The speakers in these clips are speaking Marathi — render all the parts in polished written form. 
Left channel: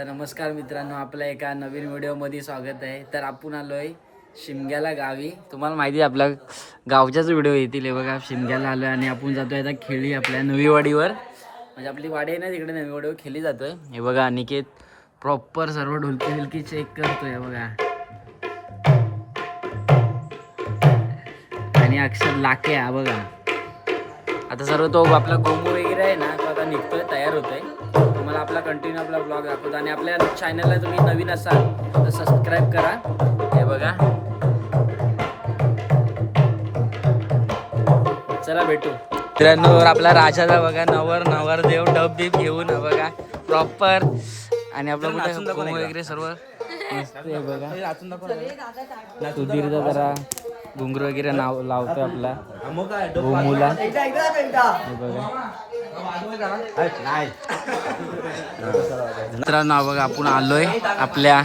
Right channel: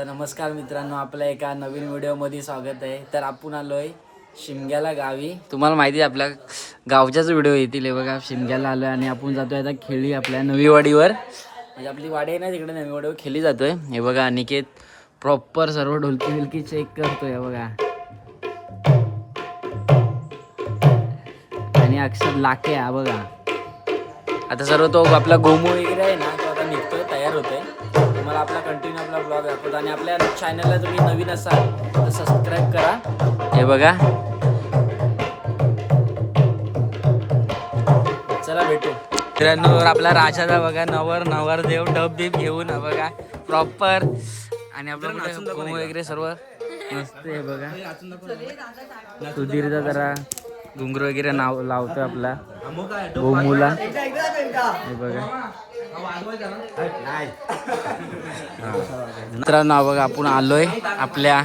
तर नमस्कार मित्रांनो, आपल्या एका नवीन व्हिडिओमध्ये स्वागत आहे. तर आपण आलोय शिमग्याला गावी. तुम्हाला माहिती आहे आपल्या गावच्याच व्हिडिओ येतील. हे बघा, शिमग्याला आलोय आणि आपण जातोय आता खेळी आपल्या नवीवाडीवर. म्हणजे आपली वाडी आहे ना तिकडे, नवीवाडीवर खेळी जातोय. हे बघा, अनिकेत प्रॉपर सर्व ढोलकी बिलकी चेक करतोय. हे बघा, आणि अक्षर लाके. हा बघा, आता सर्व तो आपला गोमू वगैरे आहे ना, तो आता निघतोय, तयार होतोय. तुम्हाला आपला कंटिन्यू आपला ब्लॉग दाखवतो. आणि आपल्या चॅनलला तुम्ही नवीन असाल तर सबस्क्राईब करा. हे बघा, चला भेटू मित्रांनो. आपला राजाचा बघा, नवरदेव डब बीब घेऊन बघा प्रॉपर. आणि आपला कुठे गोमू वगैरे सर्व मस्त. हे बघा, सुधीरचा जरा घुंगरू वगैरे नाव लावतोय आपला गोमूला. हे बघा मित्रांनो, बघा आपण आलोय आपल्या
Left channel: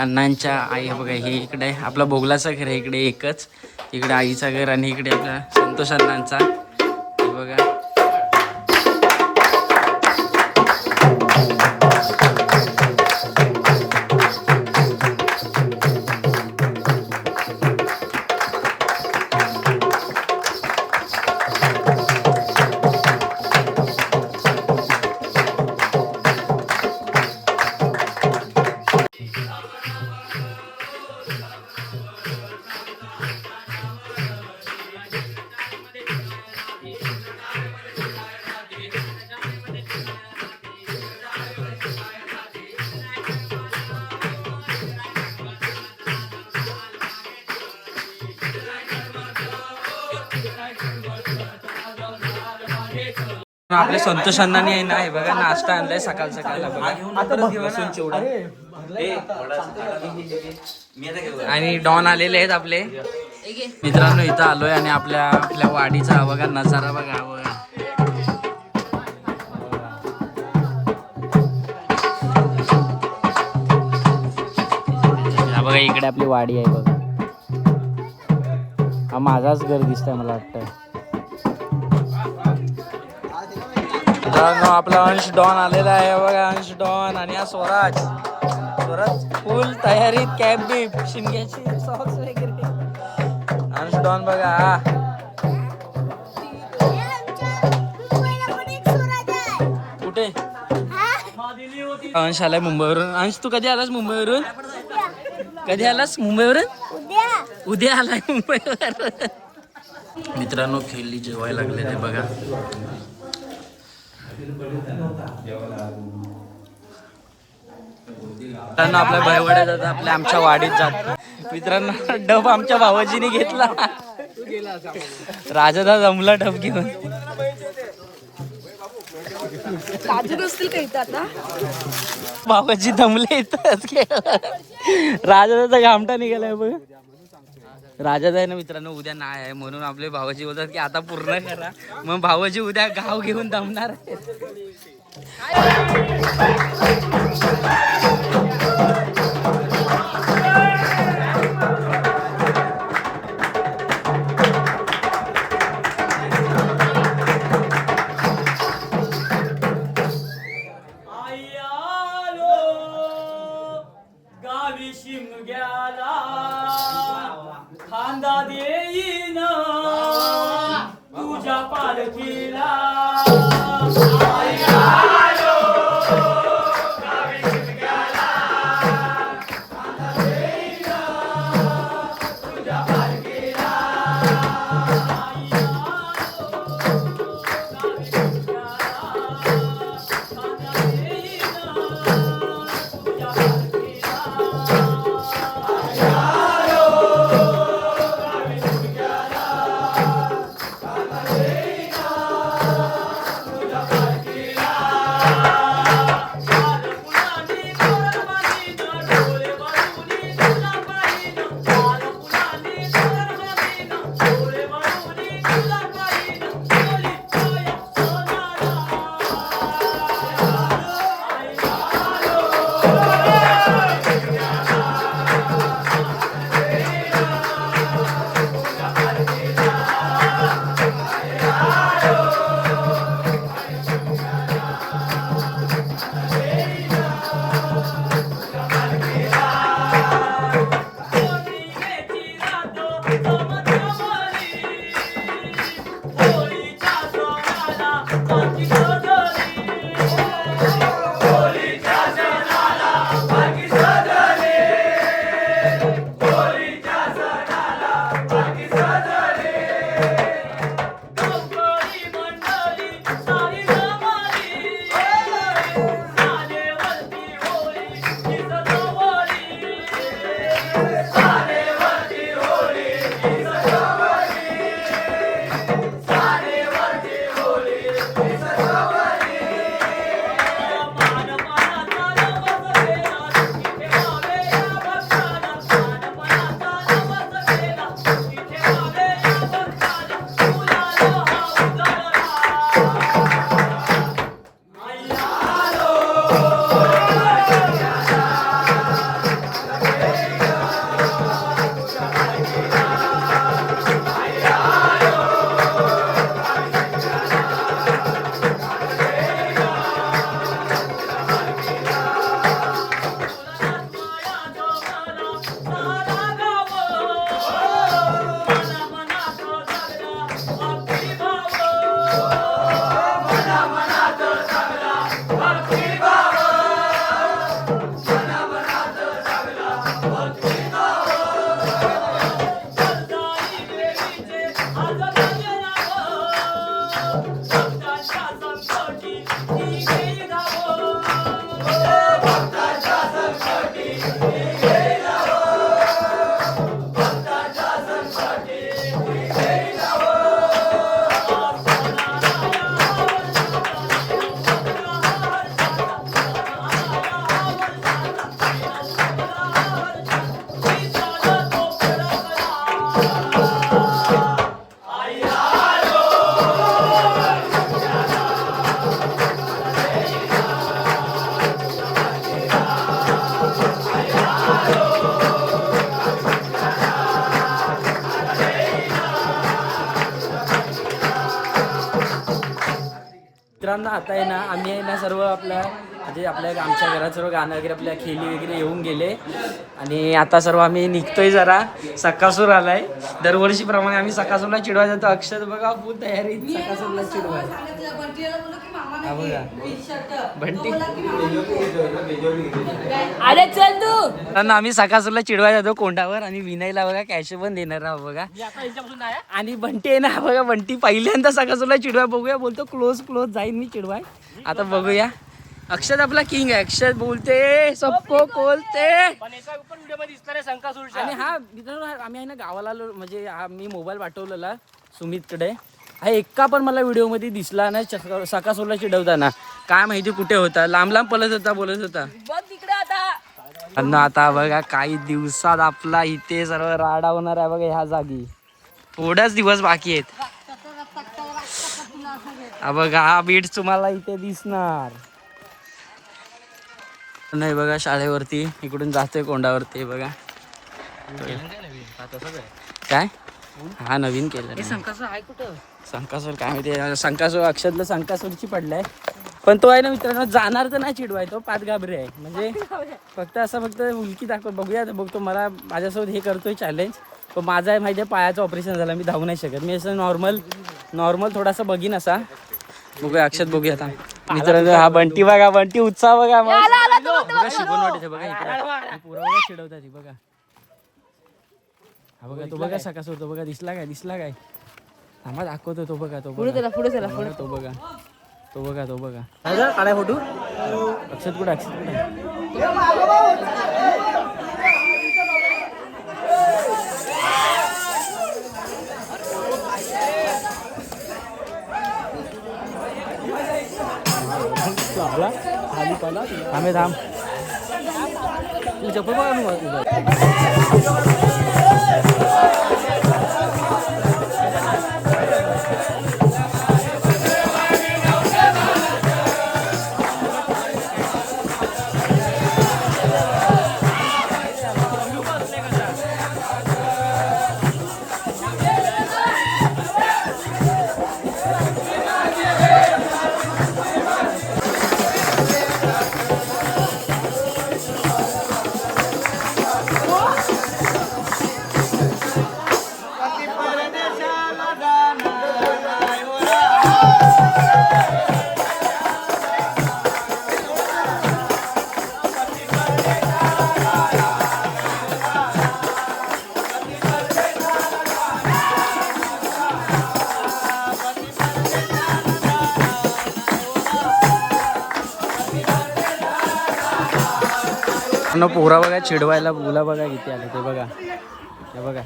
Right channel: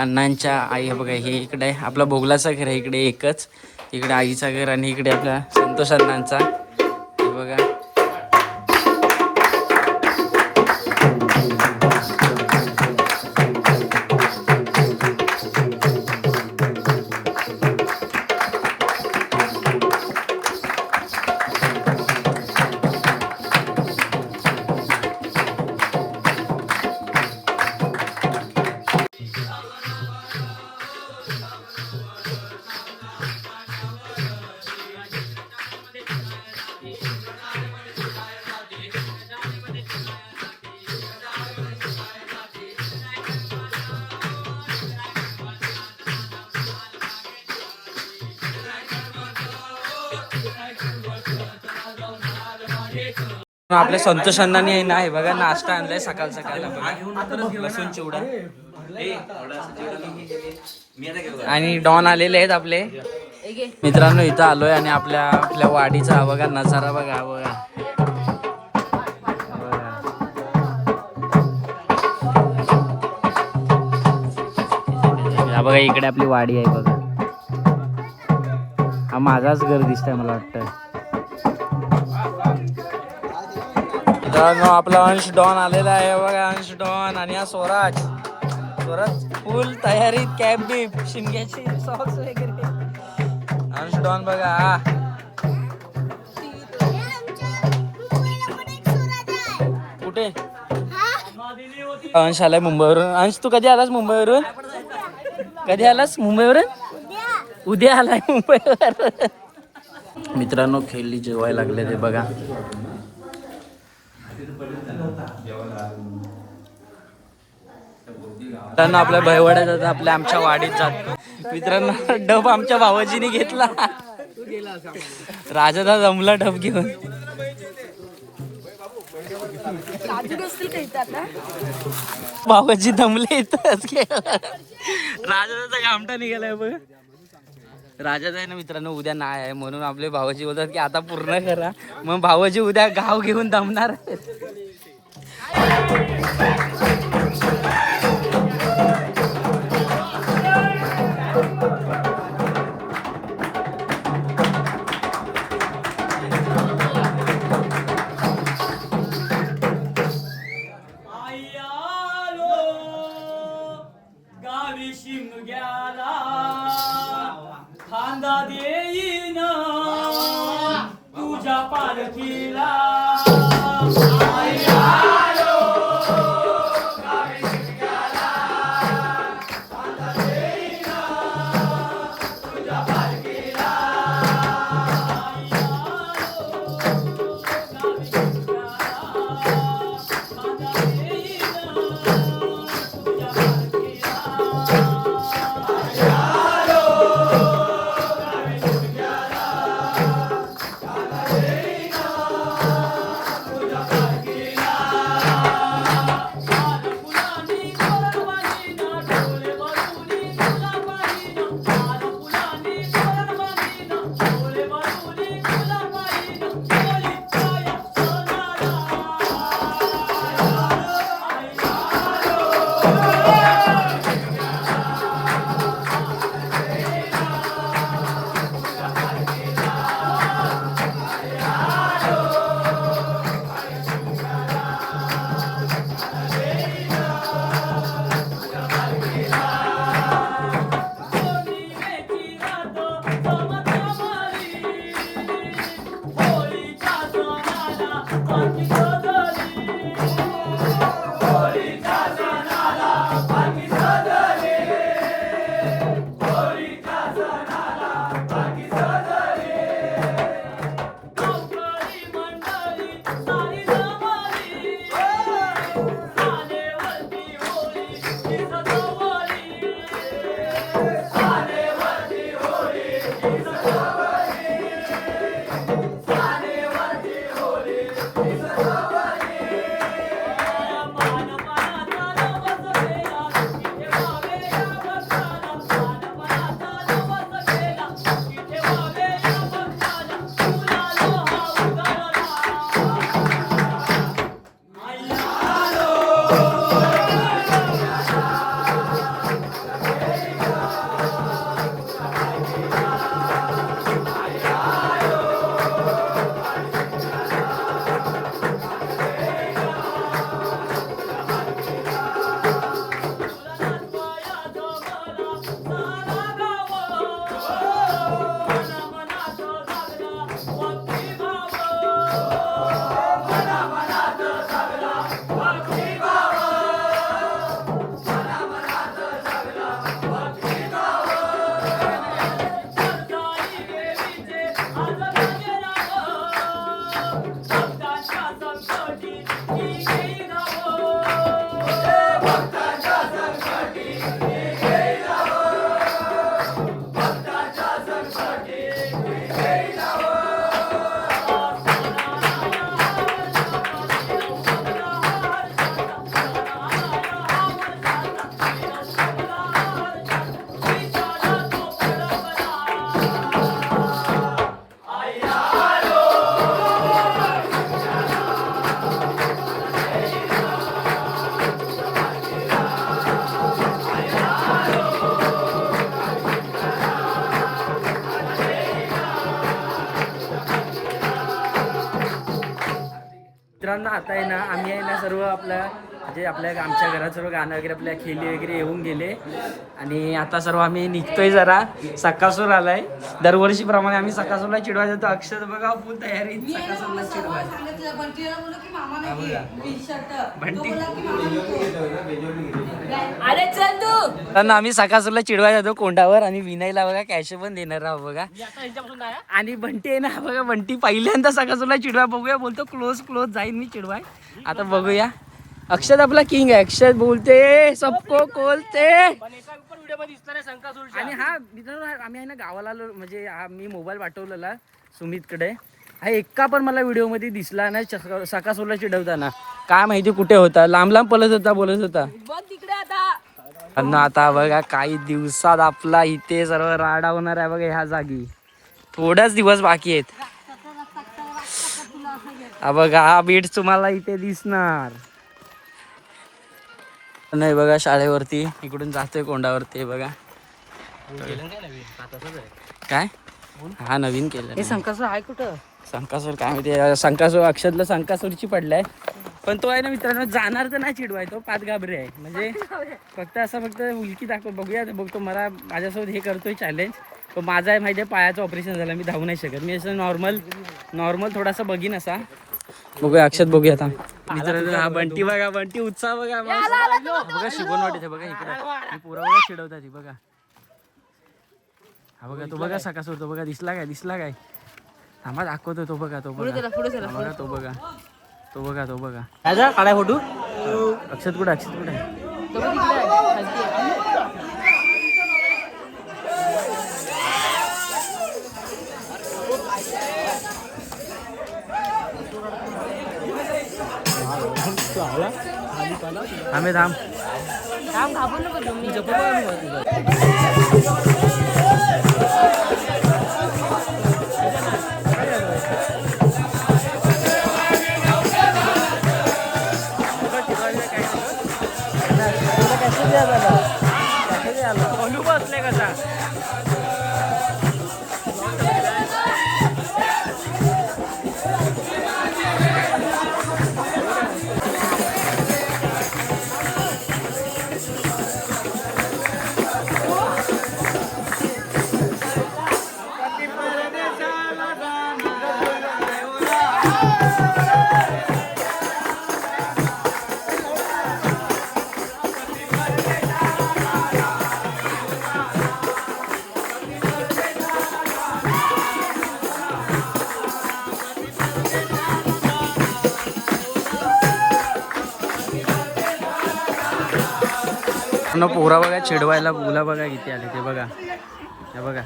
अण्णांच्या आई. हे बघा, हे इकडे आपला भोगलाचं घर आहे, इकडे एकच. इकडे आईचा घर आणि इकडे आपल्या संतोष अण्णांचा. हे बघा, आपल्या संतोष अण्णांनी आहे ना, हे बघा नाश्ता आणलाय सकाळ सकाळला. बघा, लसूण चिवडा. आणि डॉन आलेले आहेत आपले मित्रांनो. इथं आलोय आणि आपल्या वाडीचा बघा नजारा. बघा बघा, बघा इकडे आपली वाडी आहे. बघा, हा माझाच घर दिसतंय मला वाटतं. आपला अंश डॉन आलेला आहे. बघा, अंश डॉन आणि हा स्वराज फुल तयारीत, कॅप बीप, शिमग्याची सॉक्स वगैरे. अंश डॉन बघा, कुठे अंश आलाय मुंबईवरून. अंश तू कधी आलास मुंबईवरून? कधी आलास मुंबईवरून? उद्या आलाय मुंबईवर. मित्रांनो, खेळली जेवायला लागले ते बघा. मित्रांनो, आपल्या भयवाड्यात आपल्या आमच्या वाडीत जात. मित्रांनो, डब आमच्या भावाजीने घेतला. राजाला जमला डब घेऊन. भावाजी दमले येतात. राजाचा घामटा निघालाय बघ. राजाचा आहे ना मित्रांनो, उद्या नाही आहे, म्हणून आपले भावाजी बोलतात की आता पूर्ण करा. मग भावाजी उद्या गाव घेऊन दमणार आहेत. शिमग्याला खांदा देईन तुझ्या पालखीला. मित्रांनो आता आहे ना आम्ही आहे ना सर्व आपल्या म्हणजे आमच्या घरात सर्व गाणं वगैरे आपल्या खेळी वगैरे येऊन गेले आणि आता सर्व आम्ही निघतोय जरा सकासूर आलाय. दरवर्षीप्रमाणे आम्ही सकासूरला चिडवा जातो. अक्षर बघा फुल तयारी सकासूरला चिडवा. बंटी आम्ही सकासूरला चिडवा जातो कोंडावर आणि विनयला बघा कॅश पण देणार आहोत बघा. आणि बंटी आहे ना बघा बंटी पहिल्यांदा सकासूरला चिडवा बघूया बोलतो क्लोज क्लोज जाईल मी चिडवाय. आता बघूया अक्षत आपला किंग आहे. अक्षत बोलते सबको बोलते. आणि हा मित्रांनो आम्ही आहे ना गावाला आलो म्हणजे हा मी मोबाईल पाठवलेला सुमितकडे. हा एका पण मला व्हिडिओमध्ये दिसला नाही सकासूरला चिडवताना. काय माहिती कुठे होता. लांब लांब पळत होता बोलत होता. आता बघा काही दिवसात आपला इथे सर्व राडा होणार आहे बघा ह्या जागी. थोडाच दिवस बाकी आहेत. बघा हा बीट तुम्हाला इथे दिसणार नाही बघा. शाळेवरती इकडून जातोय कोंडावरती बघा. काय हा नवीन केलं संकासूर काय माहिती. संकासूर अक्षतला संकासूरची पडलाय पण तो आहे ना मित्रांनो जाणार तर नाही चिडवाय. तो पाच घाबरे आहे म्हणजे फक्त उलकी दाखव बघूया. बघतो मला माझ्यासोबत हे करतोय चॅलेंज. पण माझा आहे माहिती आहे पायाचं ऑपरेशन झालं मी धावू नाही शकत. मी असं नॉर्मल थोडासा बघीन असा. बघूया अक्षत बघूया आता मित्रांनो. हा बंटी बघा बंटी उत्साह बघा बघा शिकवण वाटते बघा इकडे पोरा बघा चिडवतात बघा. हा बघा तो बघा सकासूर तो बघा दिसला काय थांबा दाखवतो तो बघा तो बघा तो बघा काढा फोटो. अक्षत कुठे थांबे थांब पोरा बघा चिडवायला मुला बघा किती आले ते बघा. हे बघा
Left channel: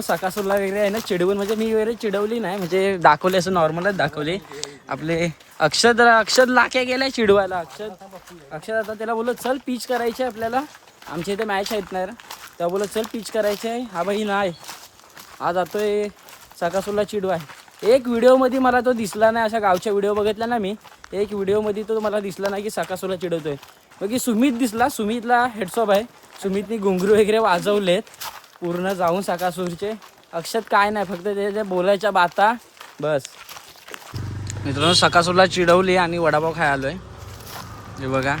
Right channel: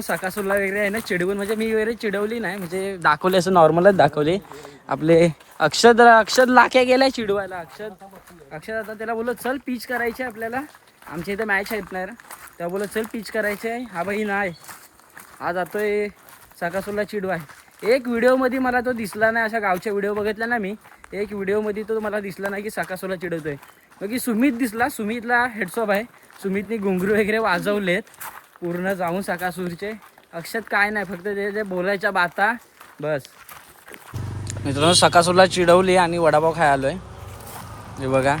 सकासूरला वगैरे आहे ना चिडवून म्हणजे मी वगैरे चिडवली नाही म्हणजे दाखवले असं नॉर्मलच दाखवले. आपले अक्षद लाख्या गेलाय चिडवायला. अक्षद आता त्याला बोलत चल पिच करायची आहे आपल्याला. आमच्या इथे मॅच आहेत ना त्या बोलत चल पिच करायची आहे. हा बाई नाही हा जातोय सकासूरला चिडवाय. एक व्हिडिओमध्ये मला तो दिसला नाही. अशा गावच्या व्हिडिओ बघितला ना मी. एक व्हिडिओमध्ये तो मला दिसला नाही की सकासूरला चिडवतोय. बाकी सुमित दिसला. सुमितला हेडसॉप आहे. सुमितने घुंगरू वगैरे वाजवलेत पूर्ण जाऊन सकासूरचे. अक्षत काय नाही फक्त ते बोलायच्या बाता बस. मित्रांनो सकासूरला चिडवली आणि वडापाव खायला आलोय. हे बघा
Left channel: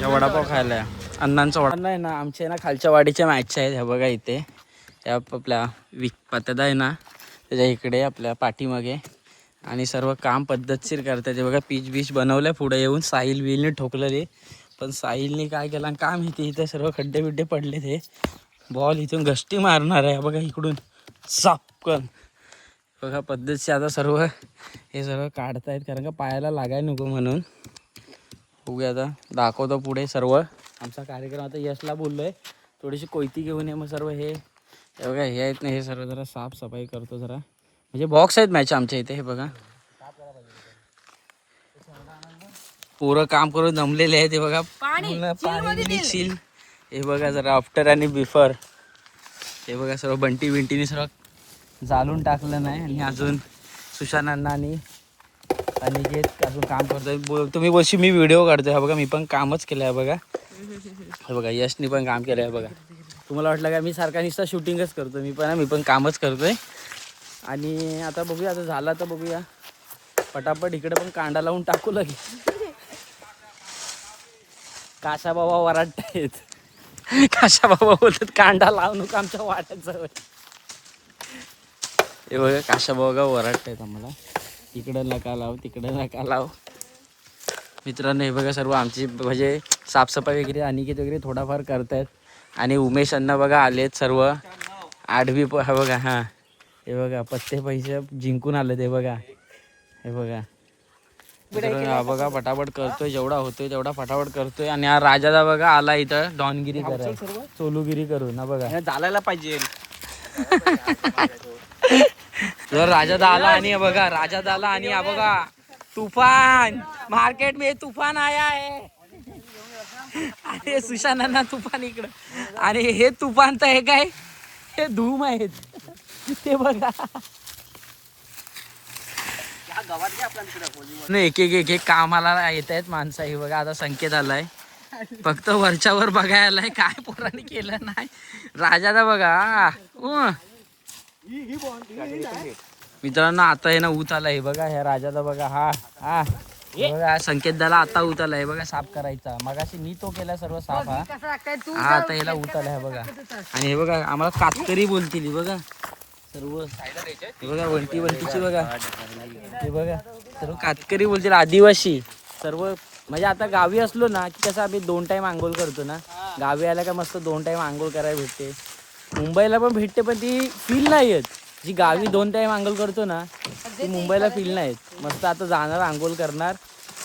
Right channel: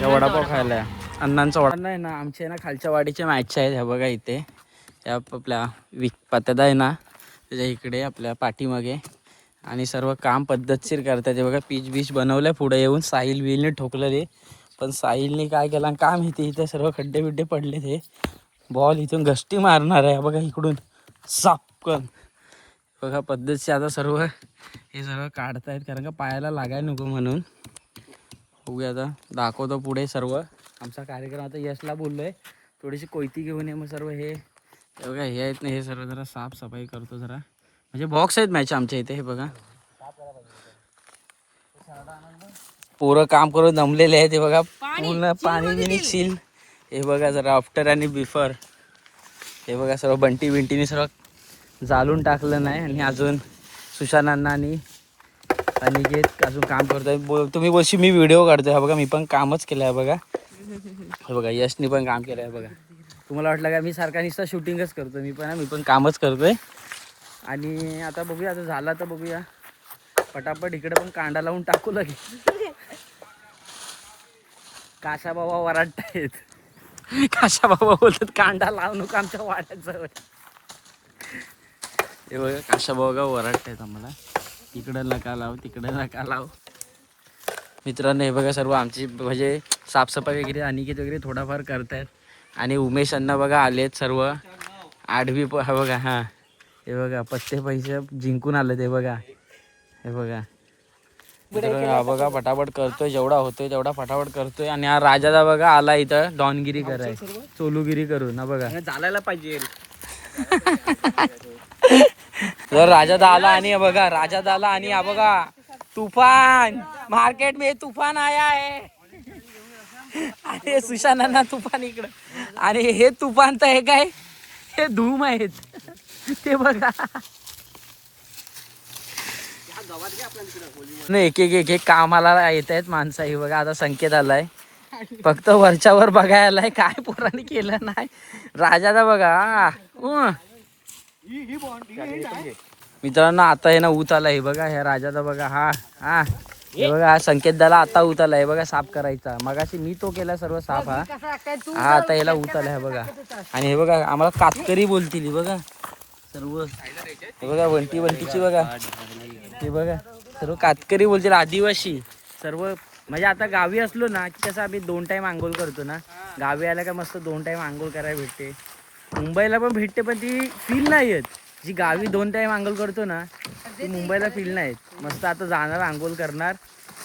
या वडापाव खायला अण्णांचा वाडा नाही ना, आमच्या ना खालच्या वाडीच्या मॅच आहेत ह्या बघा इथे. या आपल्या पत्ता आहे ना त्याच्या इकडे आपल्या पाठीमागे. आणि सर्व काम पद्धतशीर करतात. हे बघा पीच बीच बनवलंय पुढे येऊन. साहिल बिलने ठोकलं रे, पण साहिलने काय केलं काय माहिती. इथे सर्व खड्डे बिड्डे पडले. ते बॉल इथून घष्टी मारणार आहे बघा इकडून सापकन. बघा पद्धतशीर आता सर्व हे सर्व काढतायत कारण का पायाला लागायला नको म्हणून. बघूया आता दाखवतो पुढे सर्व आमचा कार्यक्रम. आता यशला बोललोय थोडीशी कोयती घेऊन ये. मग सर्व हे बघा हे आहेत ना, हे सर्व जरा साफसफाई करतो जरा. म्हणजे बॉक्स आहेत मॅच आमच्या इथे. हे बघा पोरं काम करून दमलेले आहेत. हे बघा पूर्ण पाणी सील. हे बघा जरा आफ्टर आणि बिफोर. हे बघा सर्व बंटी बिंटीने सर्व जाळून टाकलं नाही. आणि अजून सुशांत आणि अनिकेत अजून काम करतोय. तुम्ही बोलशी मी व्हिडिओ काढतोय. हा बघा मी पण कामच केलं आहे बघा. हे बघा यशनी पण काम केलं आहे बघा. तुम्हाला वाटलं का मी सारखा नुसता शूटिंगच करतो. मी पण कामच करतोय. आणि आता बघूया, आता झाला तर बघूया पटापट. इकडे पण कांदा लावून टाकू लगे. काशा बाबा वराडतायत. काशा बाबा बोलतात कांदा लावू नको आमच्या वाट्यात जवळ. हे बघा काशा बाबा वराडतायत आम्हाला. इकडं नका लाव तिकडं नका लाव. मित्रांनो हे बघा सर्व आमची म्हणजे साफसफाई वगैरे अनिकेत वगैरे थोडाफार करतायत. आणि उमेश अण्णा बघा आलेत सर्व आडवी. हा बघा हां हे बघा पत्ते पैसे जिंकून आले ते बघा. हे बघा मित्रांनो हा बघा फटाफट करतोय. जेवढा होतोय तेवढा फटाफट करतोय. आणि हा राजादा बघा आला इथं डॉनगिरी कराय चोलूगिरी करून. हा बघा चालायला पाहिजे. जर राजादा आला आणि हे बघा राजादा आला आणि हा बघा तूफान मार्केट में तूफान आया है. अरे सुशांत तूफान इकडं. आणि हे तूफान तर हे काय हे धूम आहेत ते बघा. एक एक एक कामाला येत आहेत माणसं. हे बघा आता संकेत आलाय फक्त वरच्यावर बघायलाय काय पोरांनी केलं नाही. राजादा बघा मित्रांनो आता हे ना ऊत आला. हे बघा ह्या राजादा बघा हा हा हे बघा हा संकेत झाला आता ऊत आला. हे बघा साफ करायचा. मगाशी मी तो केला सर्व साफ. हा आता याला ऊत आला. हे बघा आणि हे बघा आम्हाला कातकरी बोलतील. बघा सर्व हे बघा वंटी वंटीची बघा. हे बघा सर्व कातकरी बोलतील आदिवासी सर्व. म्हणजे आता गावी असलो ना की कसं आम्ही 2 टाइम आंघोळ करतो ना. गावी आला का मस्त 2 टाइम आंघोळ करायला भेटते. मुंबईला पण भेटते पण ती फील नाही येत जी गावी 2 टाइम आंघोळ करतो ना ती मुंबईला फील नाही येत. मस्त आता जाणार आंघोळ करणार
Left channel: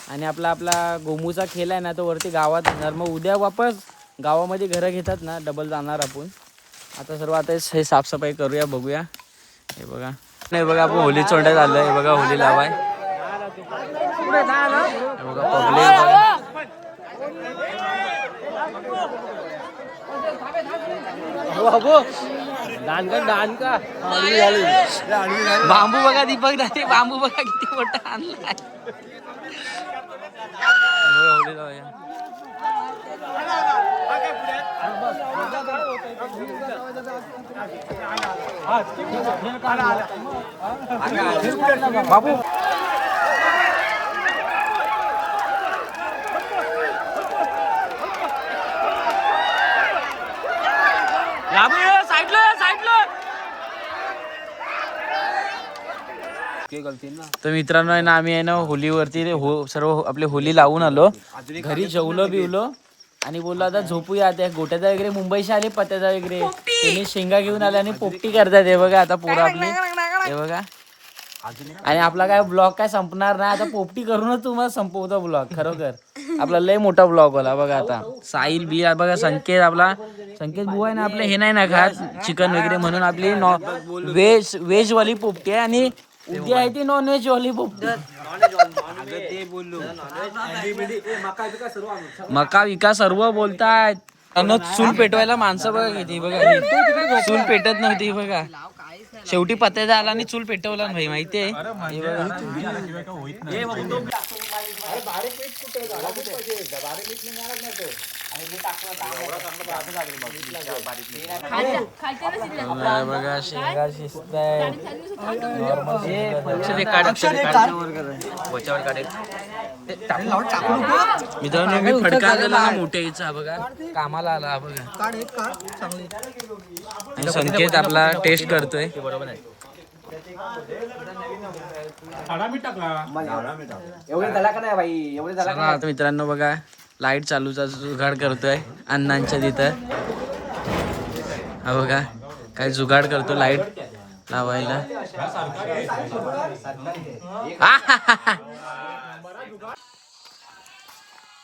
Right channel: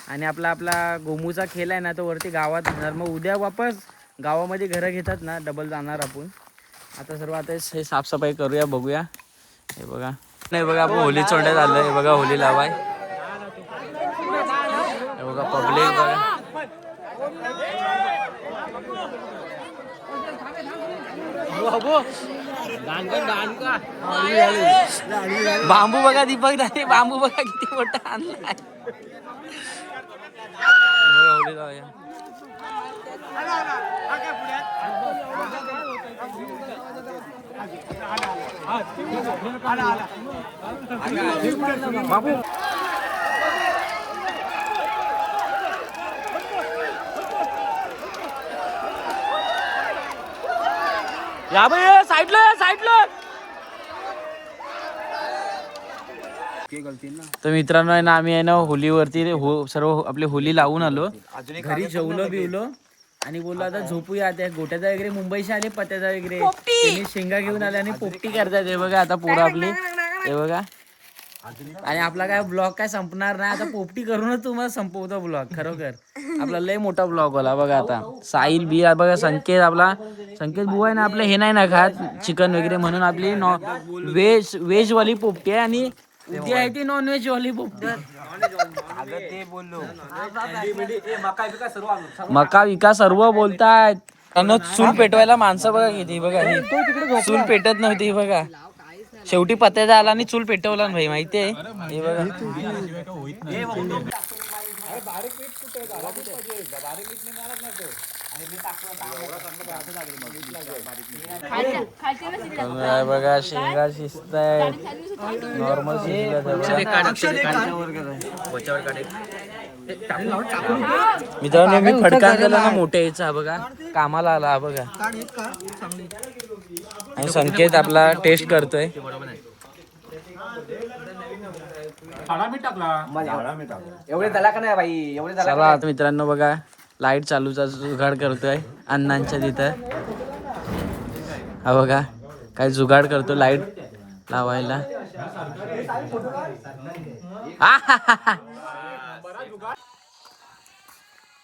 आणि आपला गोमूचा खेळ आहे ना तो वरती गावात येणार. मग उद्या वापस गावामध्ये घरं घेतात ना डबल जाणार आपण. आता सर्व आता हे साफसफाई करूया बघूया. हे बघा नाही बघा आपण होली चोंड्यात आलोय. हे बघा होली लावाय. हे बघा पब्लिक बघा. बांबू बघा दीपक दादा बांबू बघा किती मोठा आणलाय. बघा होली लावूया. या बाई साईडला तर मित्रांनो आहे ना आम्ही आहे ना होलीवरती सर्व आपली होली लावून आलो. घरी जेवलो बिवलो आणि बोललो आता झोपूया. त्या गोट्याचा वगैरे मुंबईशी आले पत्त्याचा वगैरे त्यांनी शेंगा घेऊन आले आणि पोपटी करतात. हे बघा आता पोरं आपली. हे बघा आणि आपला काय ब्लॉग काय संपणार नाही. आता पोपटी करूनच तुम्हाला संपवतो ब्लॉग. खरोखर आपला लय मोठा ब्लॉग होला. बघा आता साहिल बी बघा संकेत आपला संकेत बुवा आहे ना आपलं हे नाही ना खात चिकन वगैरे म्हणून आपली व्हेज वाली पोपटी आहे. आणि उद्या आहे ती नॉन व्हेज वाली पोपटी. मका विका सर्व बोलतायत. चूल पेटवायला माणसं बघा किती. बघा ही चूल पेटत नव्हती. बघा शेवटी पत्त्याचा आला आणि चूल पेटवला भाई माहितीये. हे बघा बघा शेंगा शिजताय नॉर्मल. मित्रांनो मी फडका आणलेला ना मोठ्या यायचा हा बघा, कामाला आला हा बघा. आणि संकेत आपला टेस्ट करतोय. चला आता मित्रांनो बघा, लाईट चालूचा जुगाड करतोय अण्णांच्या तिथं. हा बघा काय जुगाड करतो लाईट लावायला.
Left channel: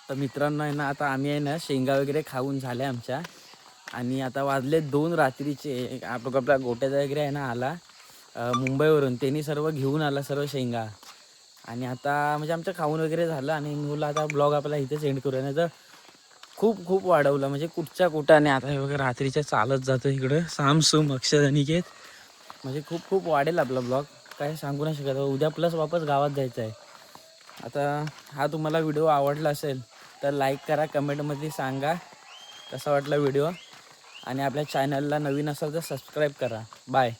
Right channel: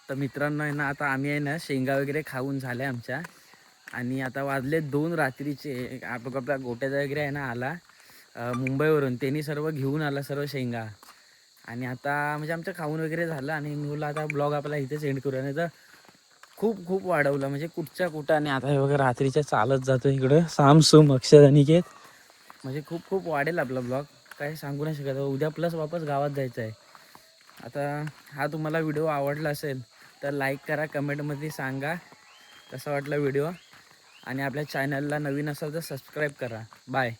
तर मित्रांनो आहे ना, आता आम्ही आहे ना शेंगा वगैरे खाऊन झाल्या आमच्या. आणि आता वाजले 2 रात्रीचे. आपला गोट्याचा वगैरे आहे ना आला मुंबईवरून, त्यांनी सर्व घेऊन आला सर्व शेंगा. आणि आता म्हणजे आमचं खाऊन वगैरे झालं आणि मी बोललो आता ब्लॉग आपला इथेच एंड करूया, नाही तर खूप वाढवलं म्हणजे कुठच्या कुठं. आणि आता हे बघा रात्रीच्या चालत जातो इकडं सामसूम अक्षर अनिकेत, म्हणजे खूप वाढेल आपला ब्लॉग, काय सांगू नाही शकत. उद्या प्लस वापस गावात जायचं आहे. आता हा तुम्हाला व्हिडिओ आवडला असेल तर लाईक करा, कमेंटमध्ये सांगा कसा वाटला व्हिडिओ. आणि आपल्या चॅनलला नवीन असाल तर सबस्क्राईब करा. बाय.